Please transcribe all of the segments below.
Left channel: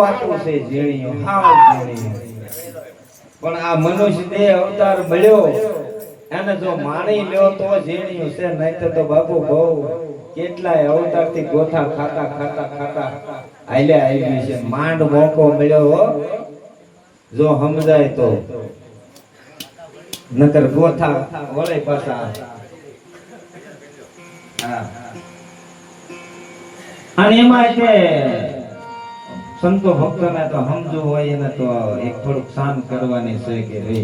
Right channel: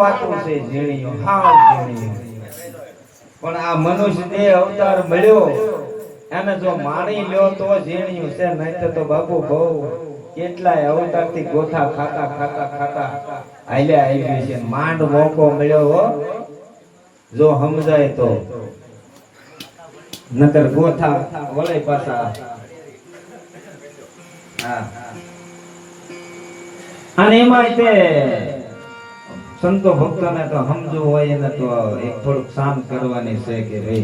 વાતો છે ઝીણીઓ, હાવ ઝીણીઓ. પણ આ મનુષ્ય દેહ અવતાર મળ્યો એને જો માણી લ્યો તો ઝીણીયું છે, નહીં તો બાપુ બહુ કેટલાય અવતાર થી ગોથા ખાતા ખાતા ખાતા હાલ્યા આવ્યું છે. માંડ મોકો મળ્યો હો, જો સમજાય તો, નકર ગોથા વળે પાછા. હા, અને એમાં તે સંતો ભક્તોને તો સમજવું હોય એને તો એક થોડુંક શાંત કરવાની છે કે રે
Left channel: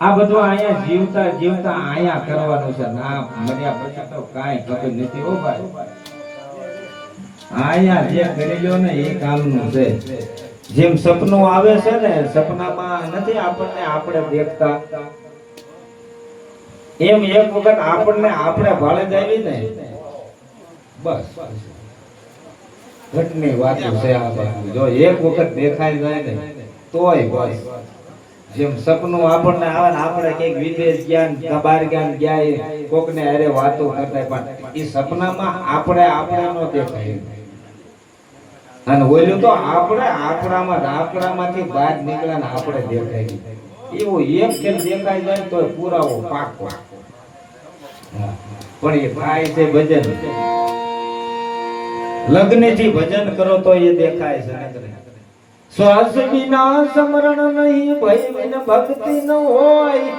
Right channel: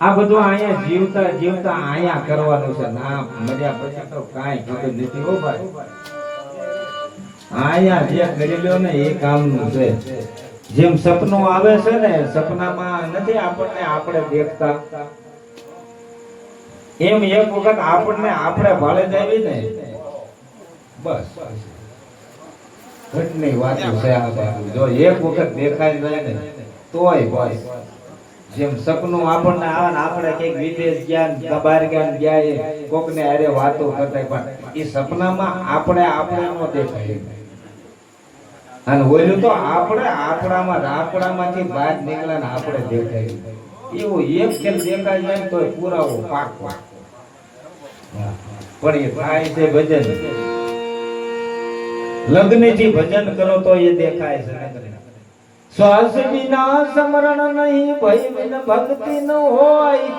આ બધું અહીંયા જીવતા જીવતા અહીંયા કરવાનું છે. ના મર્યા પછી તો કાંઈ ખબર નથી હો ભાઈ. અહીંયા જે કરી લ્યો ને એ કામનું છે. જેમ સપનું આવે છે ને, સપનામાં નથી આપણને આપણે દેખતા, એમ એક વખત આપણને આપણે ભાળે જ આવી ને બસ ઘટની વાત છે આ બધું. જો એક વખત દેખાઈ જાય ને તોય બસ. જેમ સપનું આપણને આવે ને, આપણે કઈક વિદેશ ગયા, બહાર ગયા, કોકને અરે વાતો કરતા, પણ એ સપનામાં આપણે નો દેખાય. અને ઓલું તો આપણે આપણામાંથી બહાર નીકળ્યા ને આપણે દેખાય. એવું એક ખેલ દેખાઈ જાય તો પુરાવો પાક. પણ એ થાય છે ભજન. લગ્ન થી ભજન કરો તો એ દેખાય છે. શ્વાસ વિના સ્મરણ નહીં, ભય વિના ભક્તિ ન હોય.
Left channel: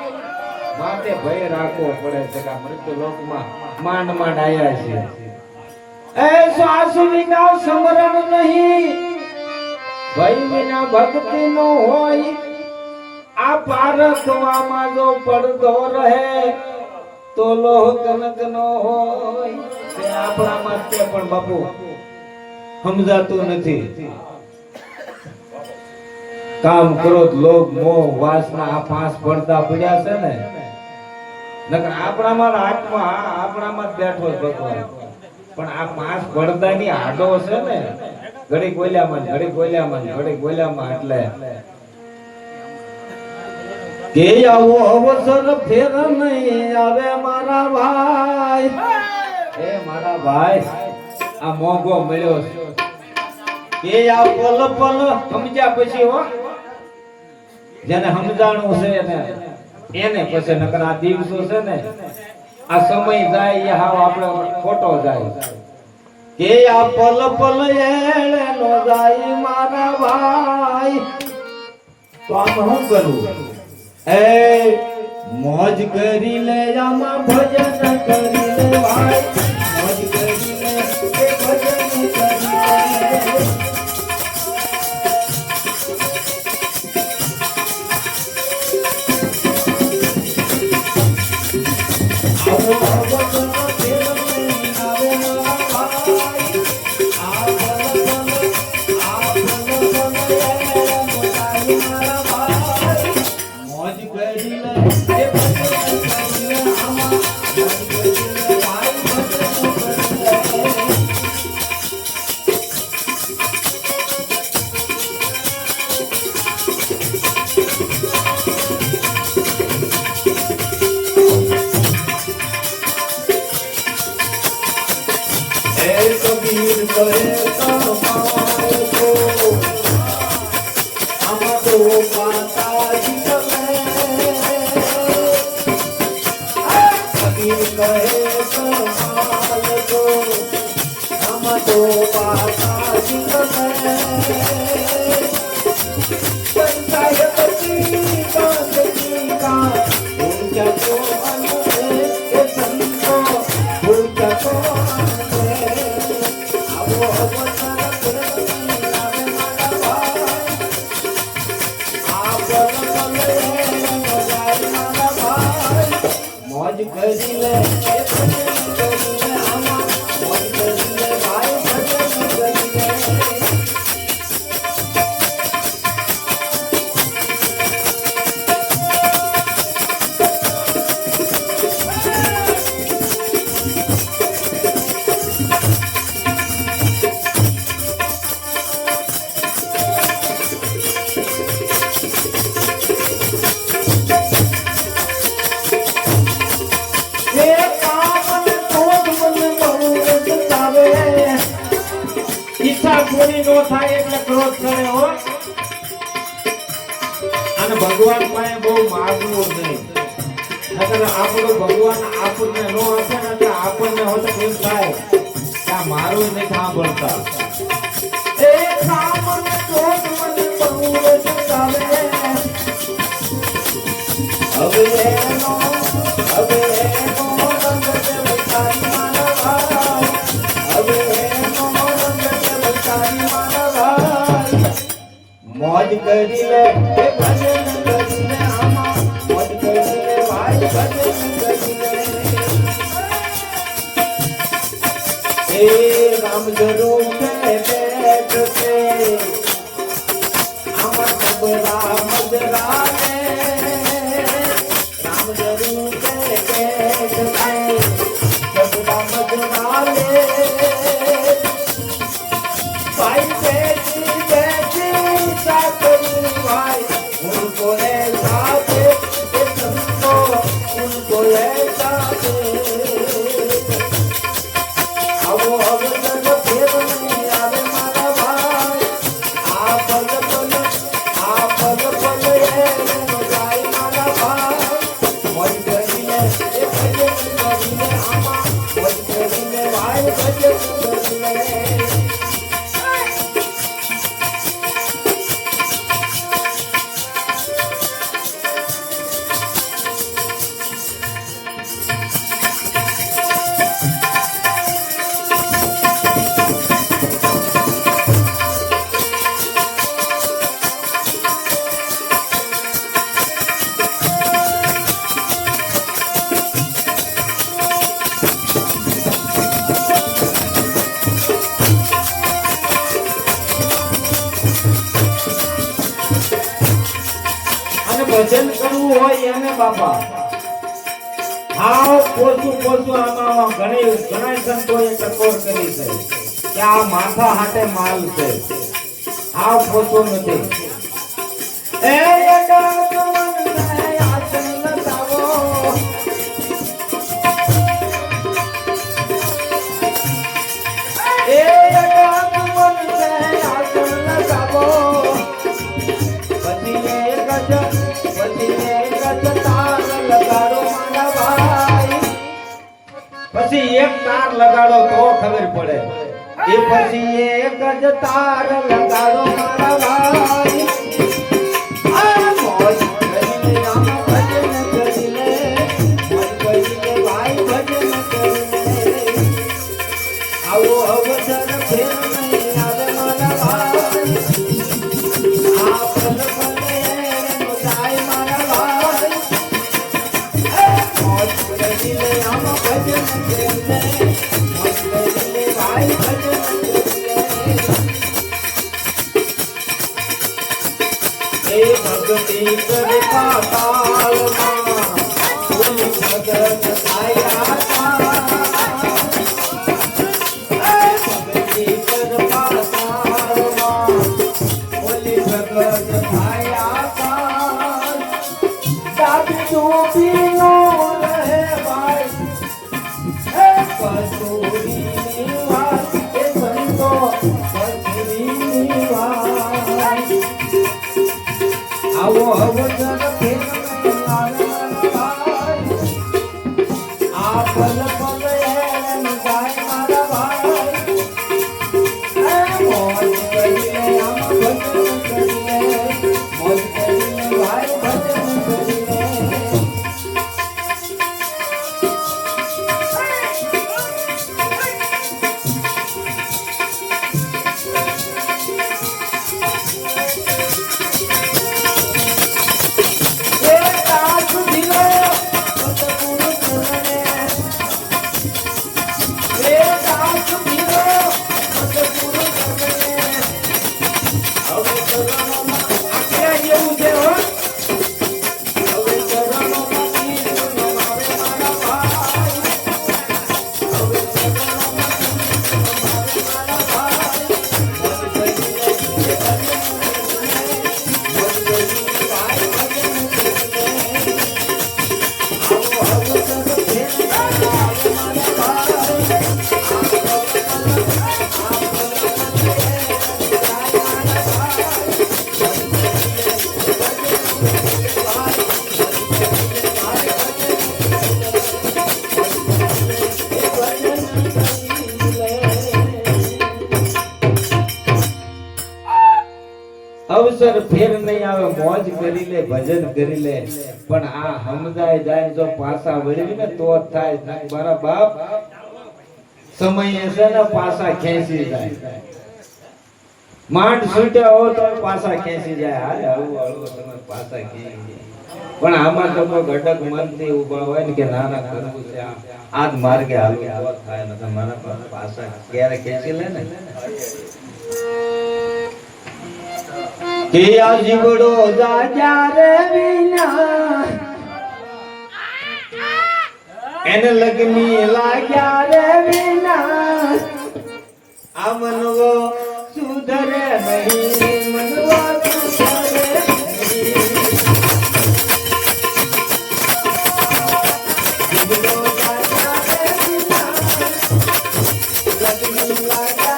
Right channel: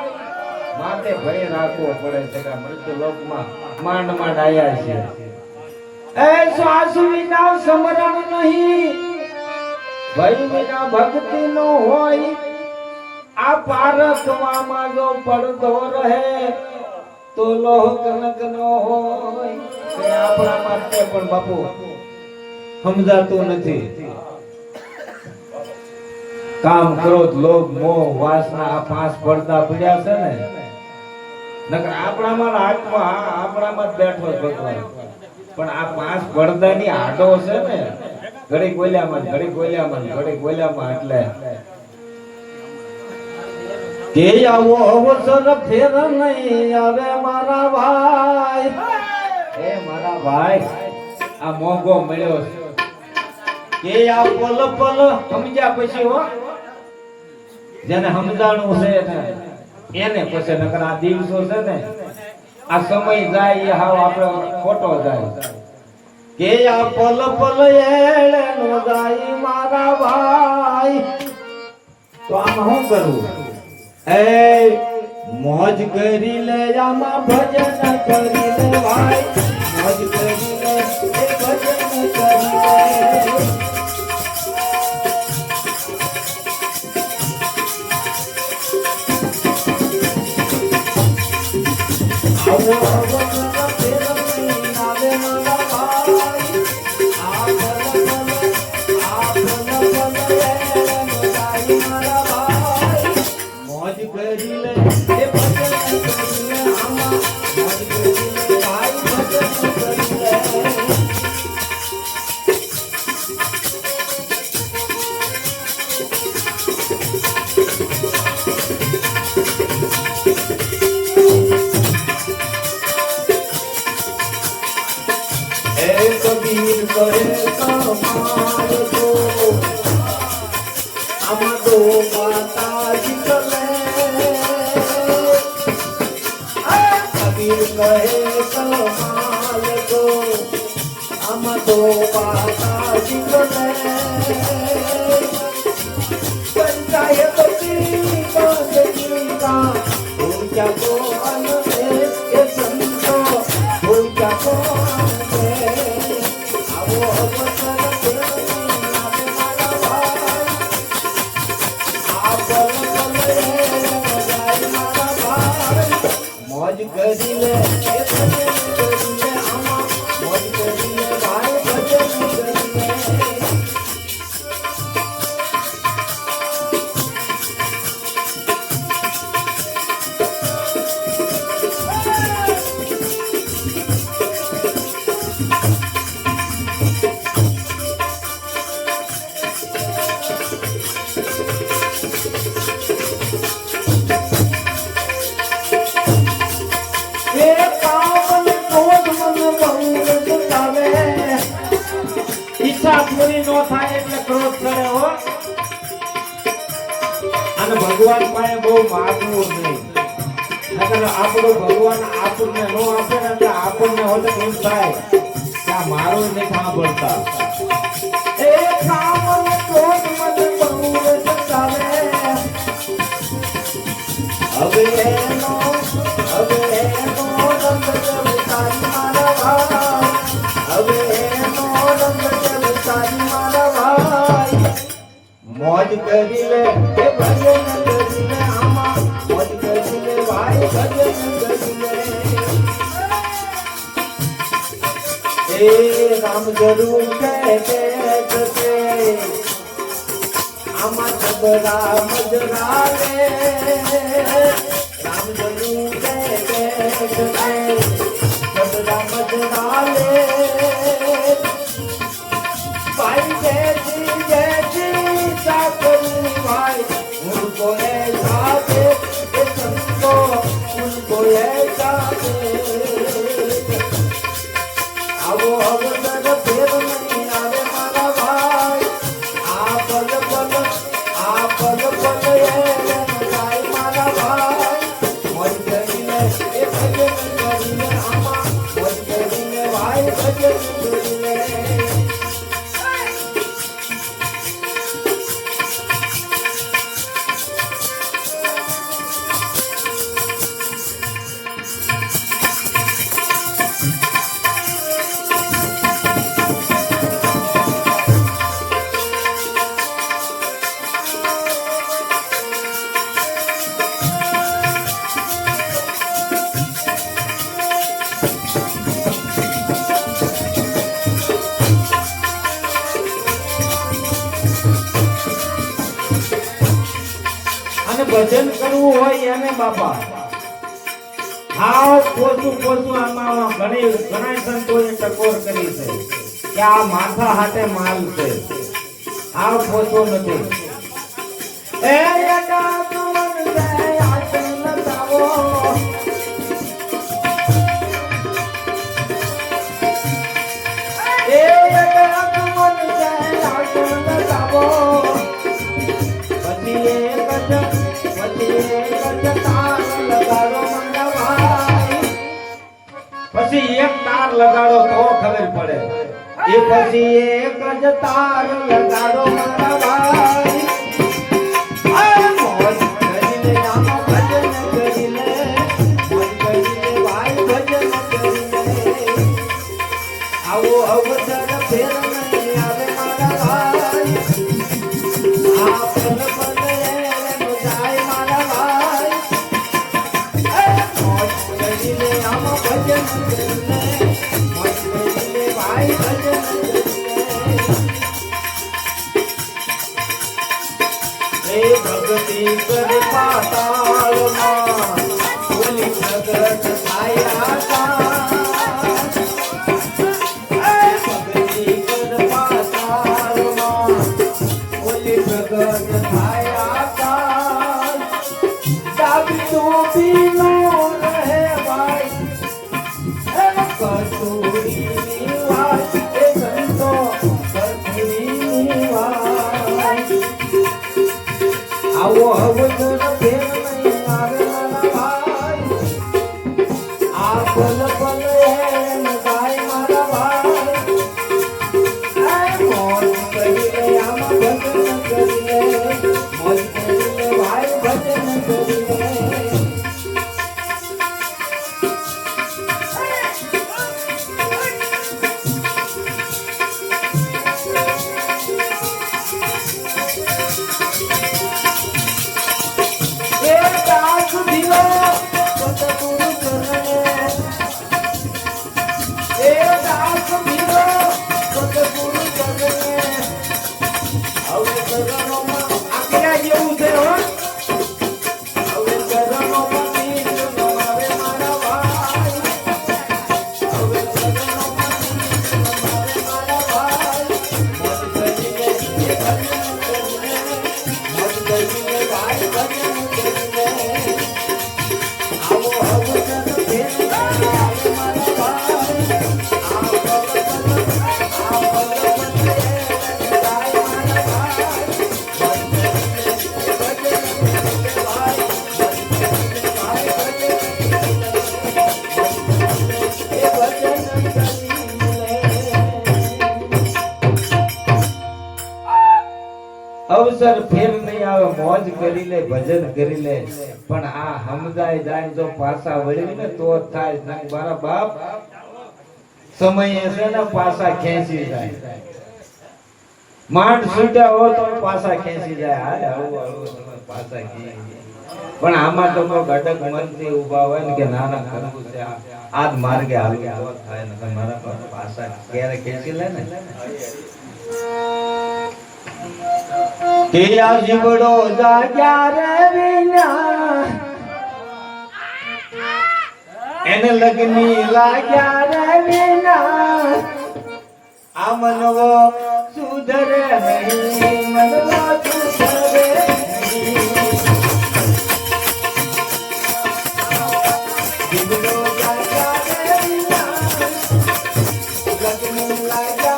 માટે ભય રાખવો પડે છે કે મૃત્યુ લોકમાં માંડ માંડ આયા છે. એ શ્વાસ વિના સ્મરણ નહીં, ભય વિના ભક્તિ ન હોય. આ પારખવામાં જો પડદો રહે તો લોહ કનક નો હોય. તે આપણા માટે પણ બાપુ સમજાતું નથી. કામ, ક્રોધ, લોભ, મોહ, વાસના આ પાંચ પડદા પડ્યા છે ને, નકર આપણામાં આત્મા આપણામાં બેઠો ભગવાન. પણ આ પાંચ પડદાની આડો છે ને, ઘડી બોલ્યામાં ઘડી બોલ્યામાં ઘડી બોલ્યામાં. એટલે કે આવો અવસર ફેર નહીં આવે મારા ભાઈ. એ મારા ભાઈ, આ મોંઘો મળ્યો કે આ પલ પલ સમજ્યા પછી હો, જેને સમજાણું છે એને પછી. નકર આ દિવસો છે ને, આ સમય જાય એ હાવ આપણે ખોટો જાય. કે આ પલ પલ એળે નો જાય મારા ભાઈ. તો આમ શું કરવું? એ મોજ કરી લે, આમાં ભજન કરી લે ભાઈ. મોજ કરી લે, ભજન કરી લે. છે હો. અને ભગવાન પાસે બહુ માગવું નહીં. નકર આપણો ભગવાન આપણને નો આપે ને એટલે આપણને હોતે એમ થાય કે આ મારું નથી સાંભળતા. એ કામને જોત મને બહુ ચાલે. હવે એનો રંગ તારી મારા ભાઈ. હવે એનો રંગ તારી મારા ભાઈ. મોજ કરી લે એ ભજન કરી લે આમાં. મોજ કરી લે ભાઈ ભજન કરી લે. એ રામ જરૂર કે આમાં ખબરા મજરા લે. રામ જરૂર કે ખબરા મજરા લે. ભાઈ બેઠી साकरी भाई उनको ले जाते ये समझो उनको ले जाते. अब जब देव नहीं आवे मारा भाई. आ पल ये भाई मारा भाई. मोज करीने ये भजन करीने आमा. मोज करीने भाई भजन करीने. ભજન કરવું હોય એને બાપા હાવ પોચું આમાં ઘણા સંતોએ ટકોર કરી છે કે આ માથા હાથે માલ છે. હાવ પોચું નથી. એ પછી એક તાર લગાડો તો ખબર પડે. એ પછી એક જ તાર લગાડો મારા ભાઈ. મોજ કરીને આમાં ભજન કરીને. મોજ કરીને ભાઈ ભજન કરીને. આવો અવસર ફેર નહીં આવે મારા ભાઈ. આ પલ પલે જાય મારા ભાઈ. મોજ કરીને આમાં ભજન કરીને. મોજ કરીને ભાઈ ભજન કરીને. એ ભક્તિ કરે પાતાળમાં ભૂલી ભગત આયા. ભક્તિ કરે પાતાળમાં ભૂલી ભગત આયા. ડાબુ પીલો રહે ભાઈ. કસ્તુરીની વાત એ સંતો કસ્તુરીની વાત. આવો અવસર ફેર નહીં આવે મારા ભાઈ. આ પલ પલ એમ જાય મારા ભાઈ. મોજ કરીને આમાં ભજન કરીને. મોજ કરીને ભાઈ ભજન કરીને. અવસર ફેર નહીં આવે, મોજ કરી લે, ભજન કરી લે, પણ આ સમજાય જાય જો પાછા વળવી ને તો જ થાય. મારા બાપ સમય છે ને પાછા ખેંચી જાય, માંડ છૂટ્યા હો તો પાછા ખેંચી જાય. હાલે હળવું હળવું તમે પાછા ખેંચી, પણ આમાં તો ઘટક મનથી ઉભા હોય ને કે નાના કરવું છે, આજ માર્ગે હાલવું તો થાય ને મારા પાછા ક્યારે ખેંચી લે ને. કે આ જીવડો જાગ્યા રે વિના એને લગની લાગ્યા રે વિના આ મનવો સુધરે નહીં, મનવો સુધરે નહીં. જીવડો જાગ્યા રે વિના લગની લાગ્યા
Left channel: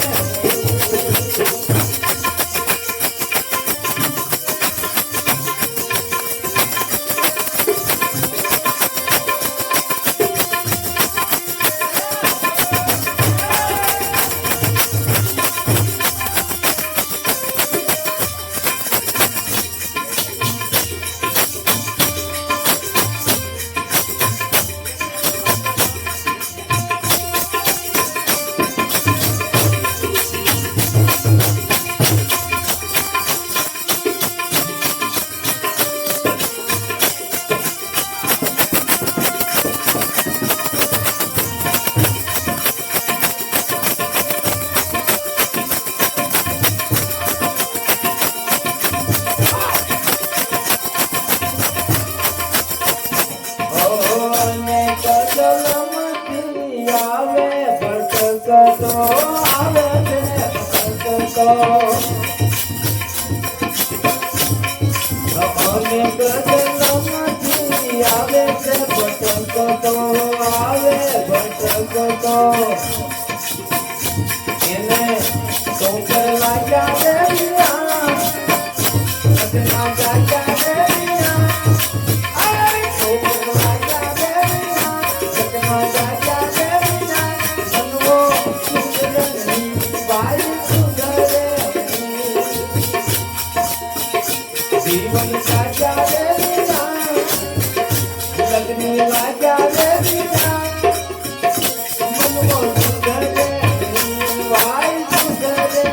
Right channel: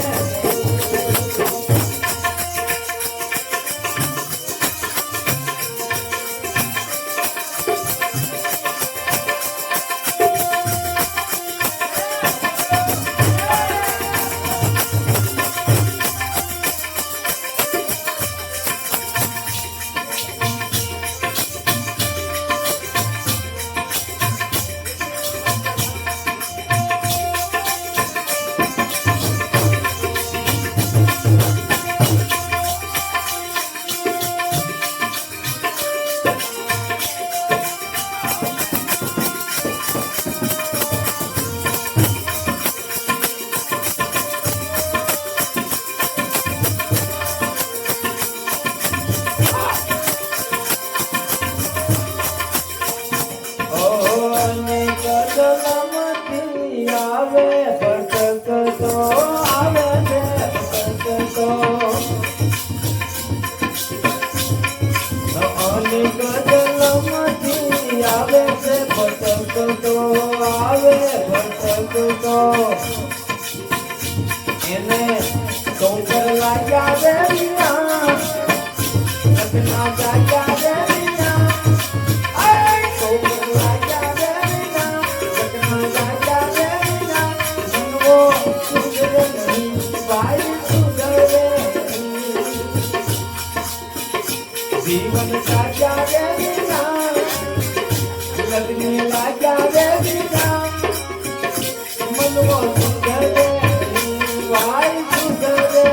રે વિના મનવો જીવન સાજા દેના લગ્ન લાગ્યા દેના મનવો સુધરે વાય સુધરે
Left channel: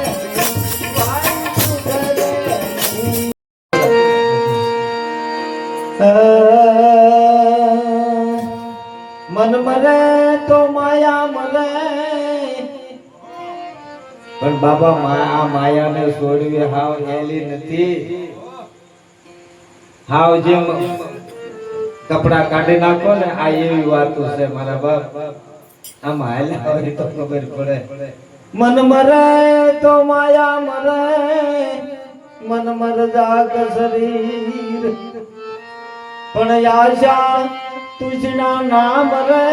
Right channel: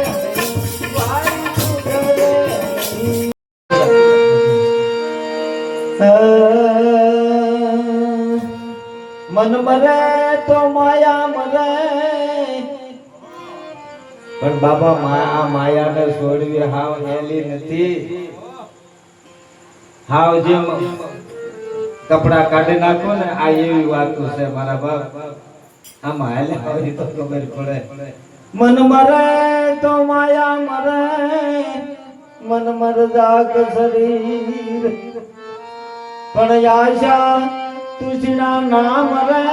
મન મરે તો માયા મરે, પણ બાબા માયાને છોડવી હાવ હેલી નથી. હાવ જેમ કપડા કાઢી નાખો ને આ એવી વાતો છે મારા બાપ. આમાં હાલે હોય તો ખબર પડે. મન મરે તો માયા મરે, મન મર જાગ શરીર, પણ આશા તુજના નામ રે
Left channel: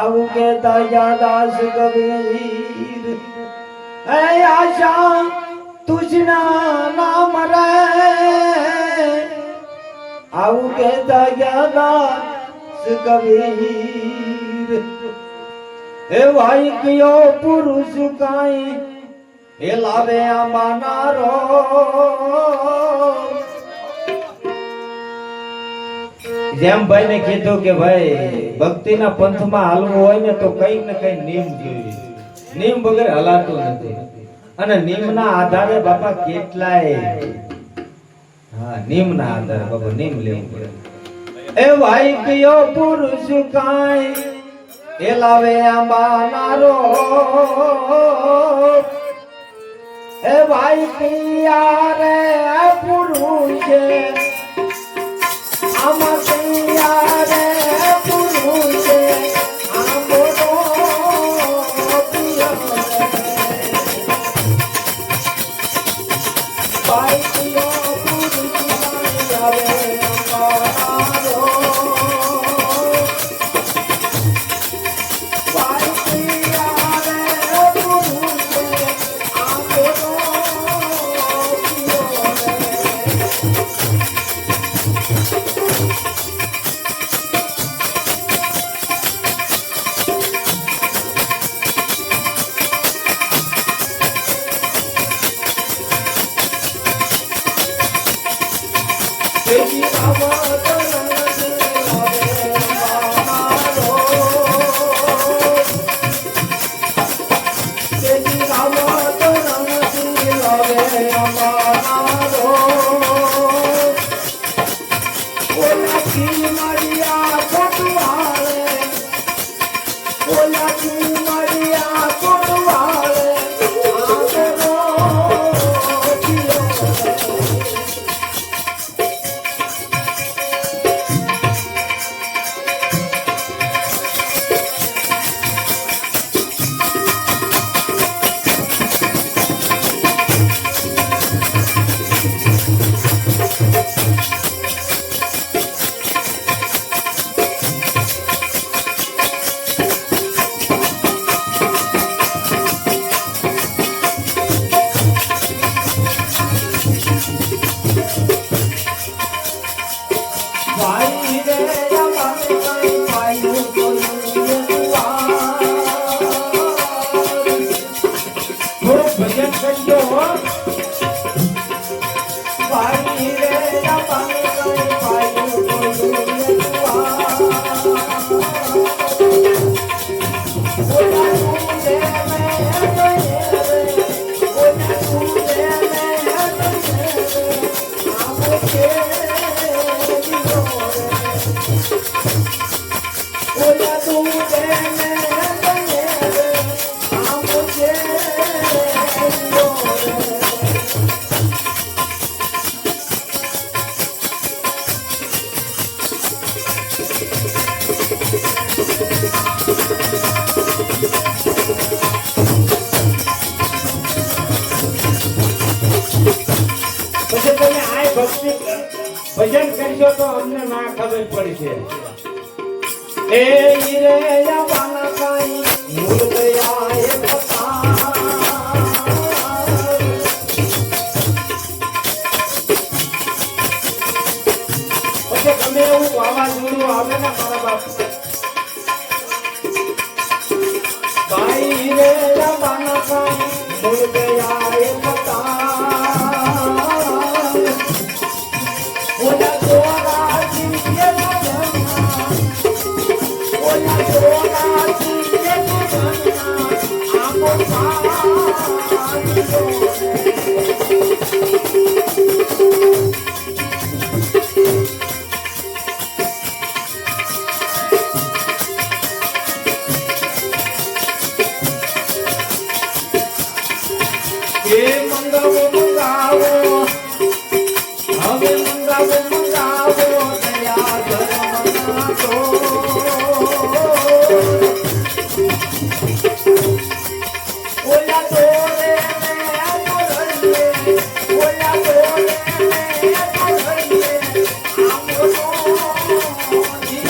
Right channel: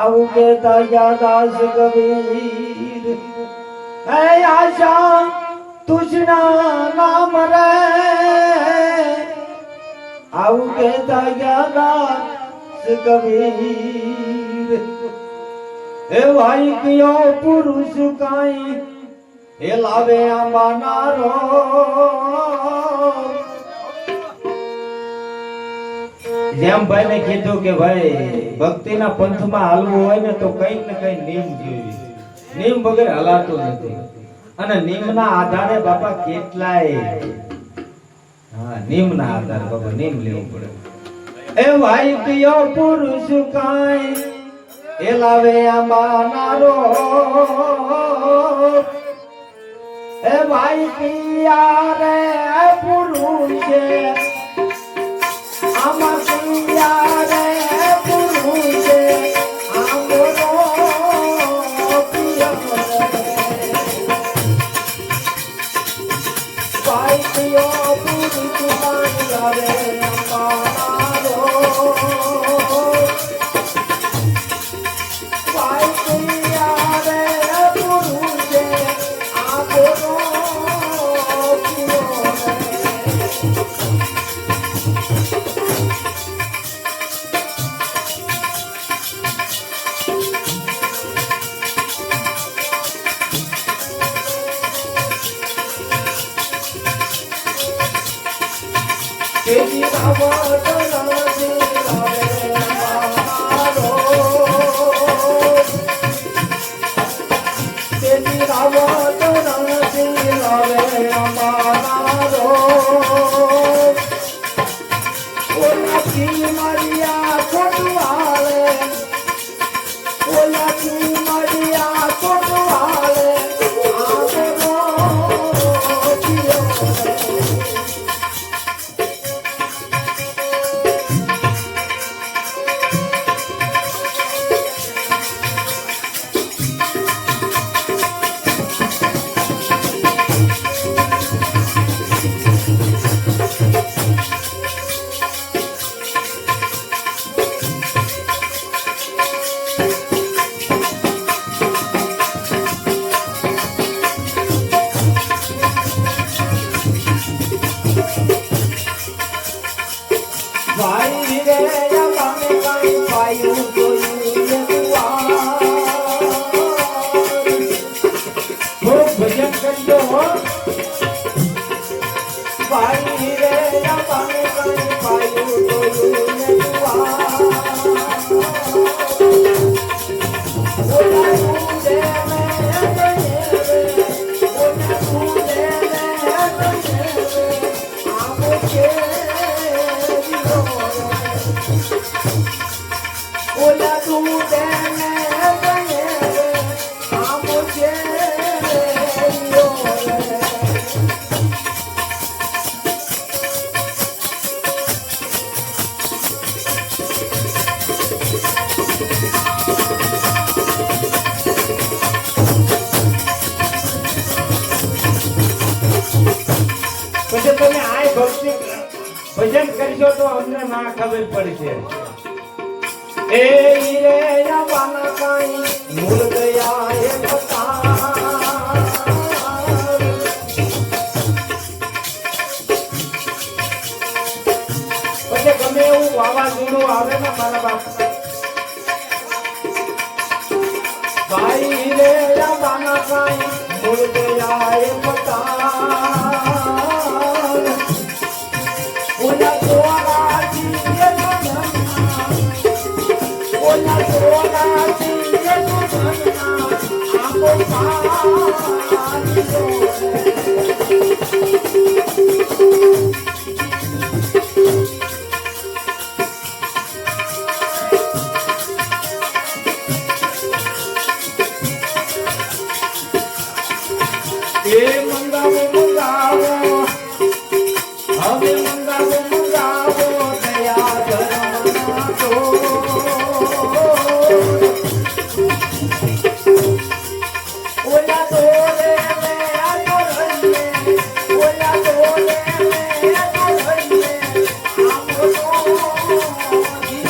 આવું કેતા દાસ કબીર. હે આશા તુજના નામ રે આવું કેતા દાસ કબીર. હે ભાઈ કયો પુરુષ કાઈ એ લાવે આંબાનારો, જેમ ભાઈ ને કીધું કે ભાઈ ભક્તિના પંથમાં હાલવું હોય ને તો કઈક ને કઈક નિયમ જોઈએ. નિયમ વગર હલાતું નથી. અને નિયમના આધારે બાપા કેટલાય નિયમના આધારે બાપા નિયમ લેવું પડે. એ ભાઈ કયો પુરુષ કાઈ એ લાવે આંબાનારો, એ ભાઈ પિયા રે પુરુષે આમાં પિયા રે પુરુષે આંબો ભાઈ પિયો પુરુષ લાવે આંબાનારો. પછી તમે આ ભક્તિ ભજન કરશો તો અમને ના ખબર પડશે એ રે યાવાના કાઈ મૂળ દયા એ પતા પછી ગમે એવું વાવાઝોડું આવે ને મારા બાપ ભાઈ રે યાવાના કાઈ મૂળ દયા એ પતા ઓલા દોરાજી એ મંગાવો મંગાવો હવે મંગાવો મંગાવો દયા ધર્મમાં તો ઓલા દોરે મે આદરણીએ ઓલા દોરે મે આદરણીએ આમો જીવો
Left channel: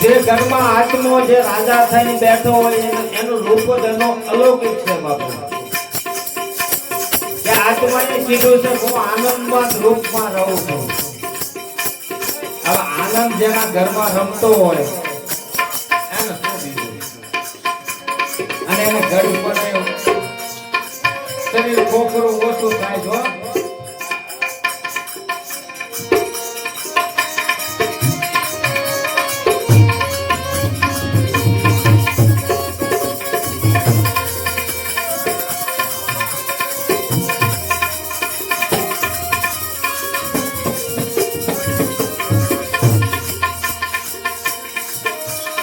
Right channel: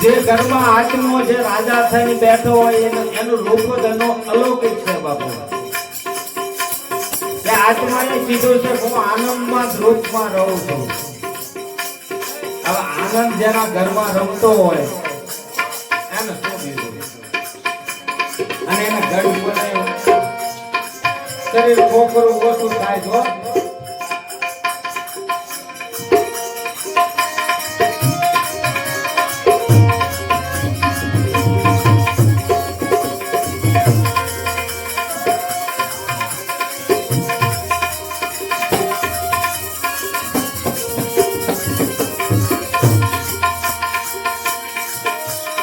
જે ઘરમાં આત્મો જે રાજા થઈને બેઠો હોય એનું રૂપ જ અલૌકિક છે બાપુ કે આત્માને કીધું છે હું આનંદમાં રૂપમાં રહું છું હવે આનંદ જેના ઘરમાં રમતો હોય એને શું દીધું અને એને ઘર ઉપર શરીર ખોખરું ઓછું થાય છો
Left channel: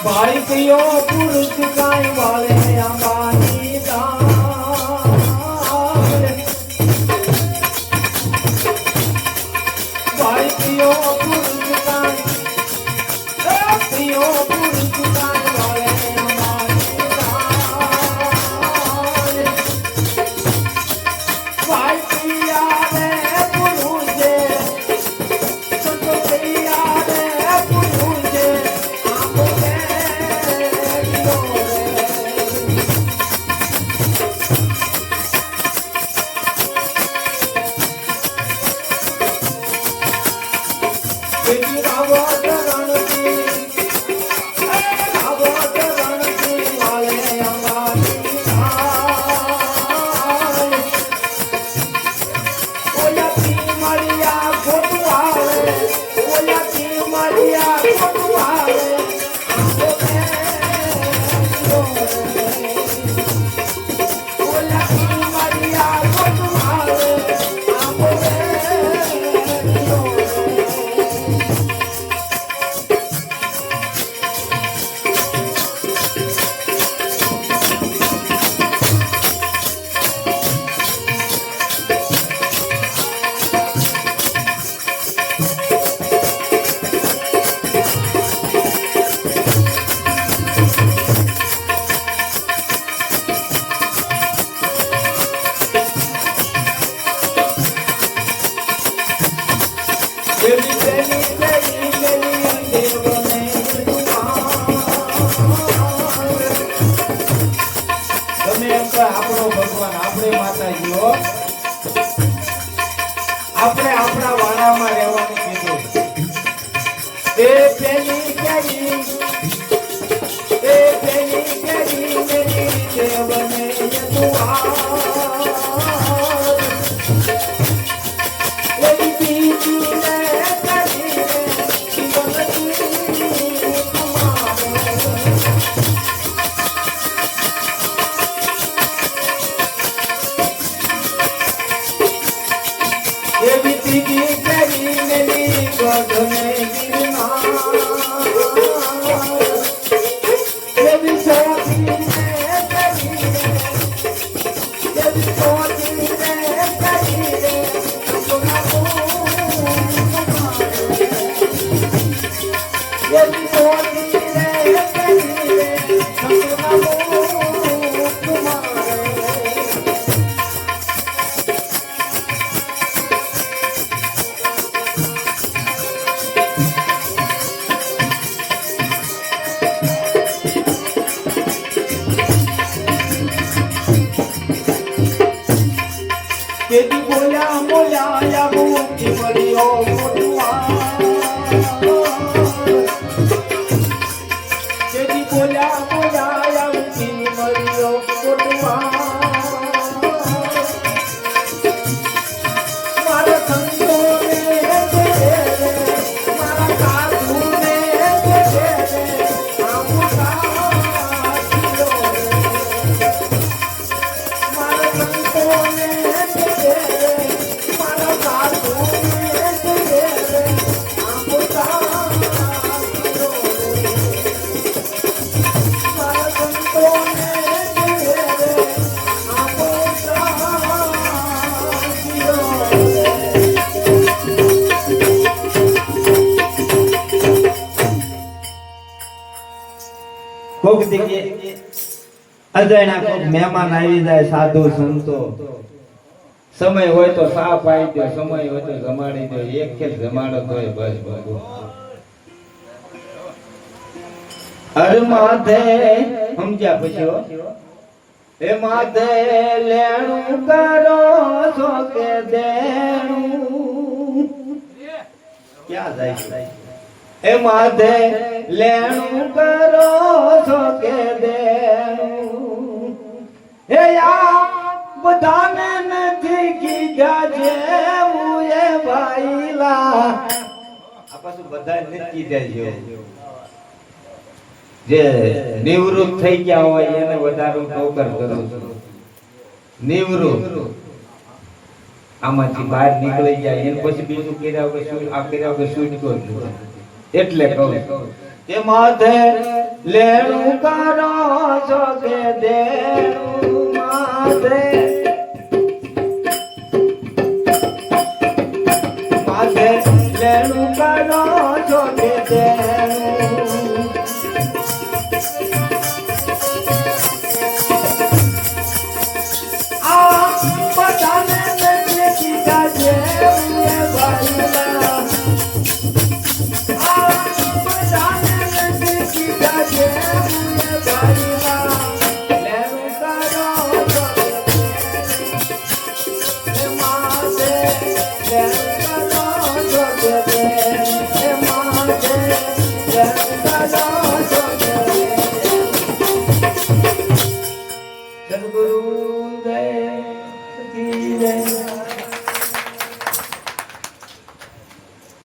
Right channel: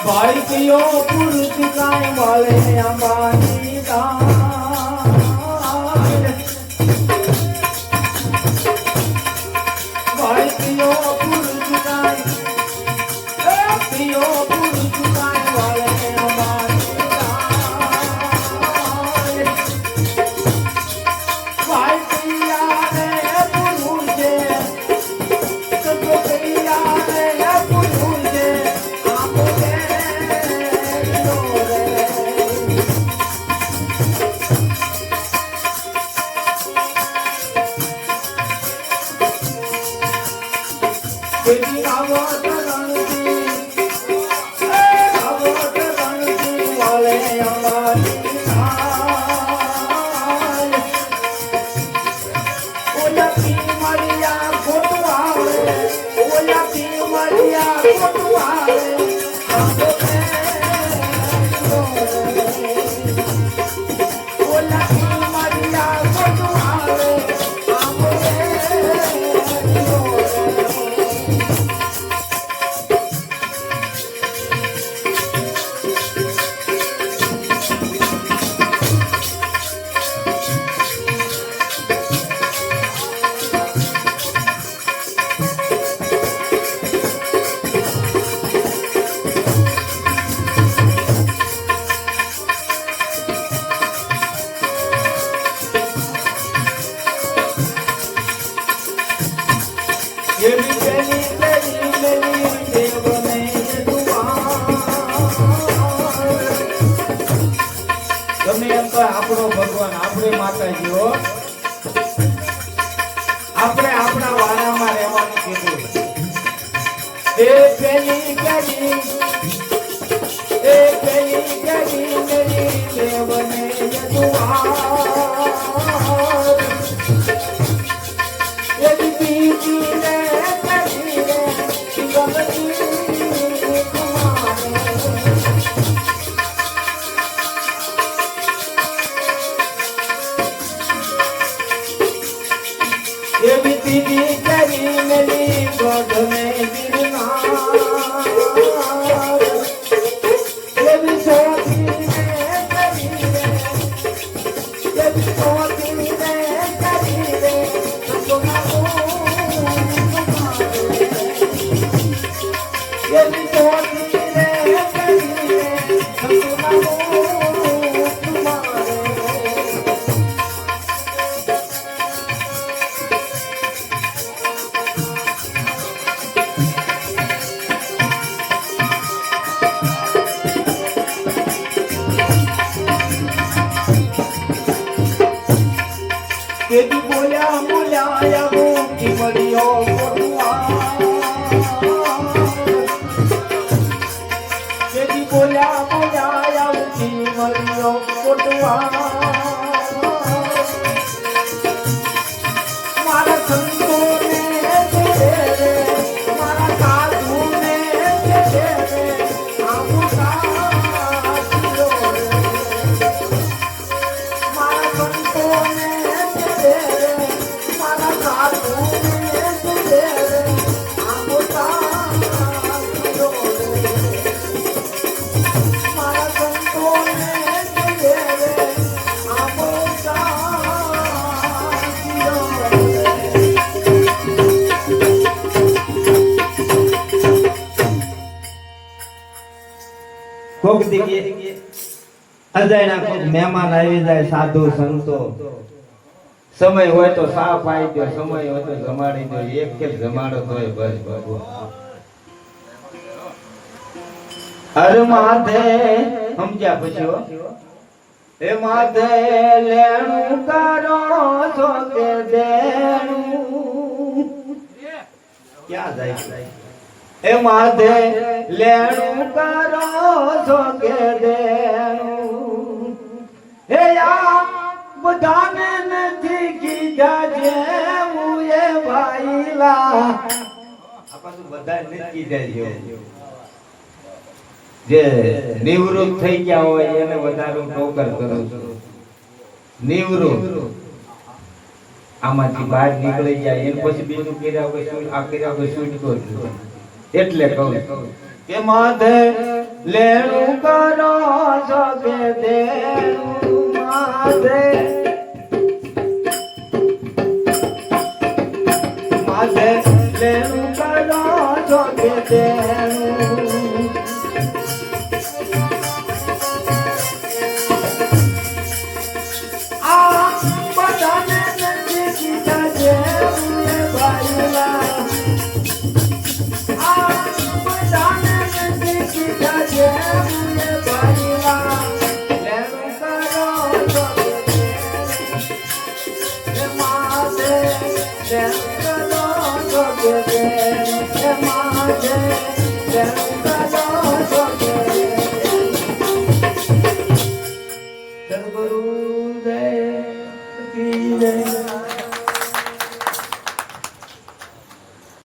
भाई पियो पुरुष गाय वाले हमारी दान भाई पियो पुरुष गाय पियो पुरुष गाय वाले हमारी दान भाई पिया रे पुरुष सबको पिया रे पुरुष મારી માતાજીઓ આપણે આપણા વાળામાં રહેવાનું કીધું એ પેલી ગલી મેરી દેવને યદુઆ યદી પીતી રે કરી રે શિવમતી ये बीती करी मेरी गधने गिरना ये भी सोती ये भी सोती ये भी सोती केदी बोया मोया या मुकी मरियो मोरुआ केदी बोया मोया या मुकी मरियो मोरुआ मारा संतो ने दे मारा साधु ने दे आमुसा मारा संतो ने કોક દીકે અજાણ્યા કોક મહેમાન આવી જાય સાધુ સંતો સમય હોય તો સા પાઈ દો સમય હોય તો જમાડી દો એક કે જમાડો તોય બસ બાબુ હર માધે સમજ્યા પછી હો એ માધે લેણું કરો છો કે દેણું ક્યાં જાય એ માધે લેણું કરો છો કે દેણું હે આ બધાને નથી કીધા જેવું એ ભાઈલા આ પાછું બધા નથી કીધા જે નિવૃત્ત થઈ ગયા હોય એને વધારે નોકર કરું છું નિવૃત્ત આમાંથી બહાર નીકળી જાય એને પછી બીજું કર્યા વગર આ કર્યા વગર શૂટ કરું એટલે કહું કે માધે લેણું કરો છો કે દેણું માધે માધે લેણું કરો છો કે દેણું આ બધાને કીધા છે ભાઈલા Yeah.